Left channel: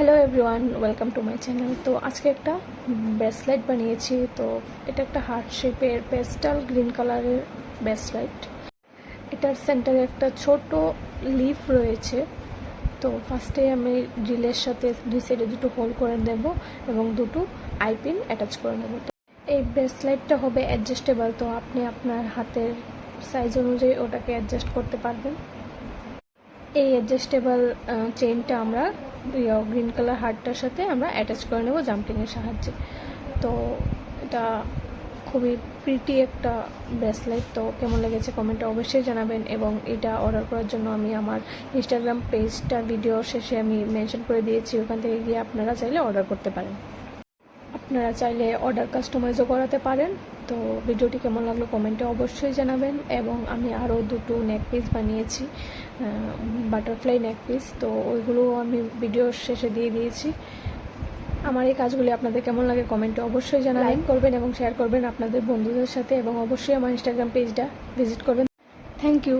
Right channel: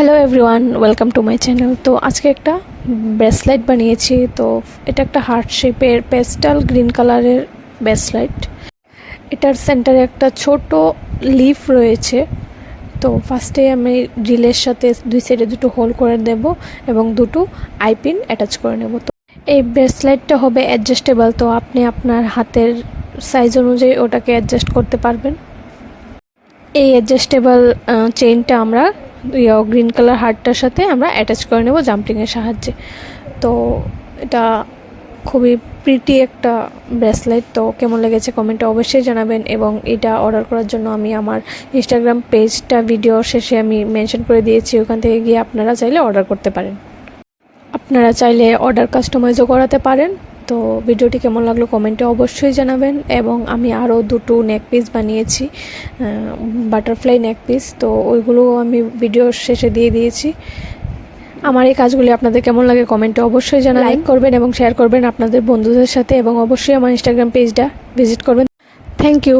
Hello everyone, welcome to my channel. তো আজকে একটা ব্রেসলাইট বানিয়েছি। তো এটা একটা হার্ট শেপের পেস্টাল গ্রিন কালারের ব্রেসলাইট। এটার সেন্টারে একটা ছোট লিফ রয়েছে। তো ফার্স্টে আমি ড্রিলের সাথে দুই সাইডে দুটো হোল করে দেব এবং দুটো আইপিন অ্যাটাচ করে নেব। তো এই ব্রেসলাইটটা হবে অ্যাডজাস্টেবল, তো আপনি আপনার হাতের সাইজ অনুযায়ী ওটাকে অ্যাডজাস্ট করতে পারবেন। এই অ্যাডজাস্টেবল চেইনটা আমরা গ্রিন কালার হার্টটার সাথে আমরা অ্যাটাচ করে নেব জাম্পিংয়ের সাহায্যে। তো এটা খুবই প্রিটি একটা ব্রেসলেট। তো কেমন লেগেছে কমেন্টে অবশ্যই জানাবেন, এবং এটা অর্ডার করার জন্য আমি আমার ইনস্টাগ্রাম পেজটা ভিডিও শেষে আমি মেনশন করে দিয়েছি, ওখান থেকে গিয়ে আপনারা চাইলে অর্ডার করতে পারেন। আপনারা চাইলে অর্ডার কাস্টমাইজও করাতে পারেন। তো ভিডিওটি কেমন লাগলো কমেন্টে অবশ্যই জানাবেন। এবং আমি আরও দুটো নেক পিস বানিয়েছি, বাটারফ্লাই নেক পিস। তো ওইগুলো আমি ভিডিওর শেষে দিয়ে দিয়েছি। আমার এই কাজগুলি আপনাদের কেমন লাগে কমেন্টে অবশ্যই জানাবেন। লাইক করবেন এবং শেয়ার করবেন আপনাদের বন্ধুদের সাথে, এবং অবশ্যই আমার ইনস্টাগ্রাম পেজটা ভিজিট করবেন। Thank you.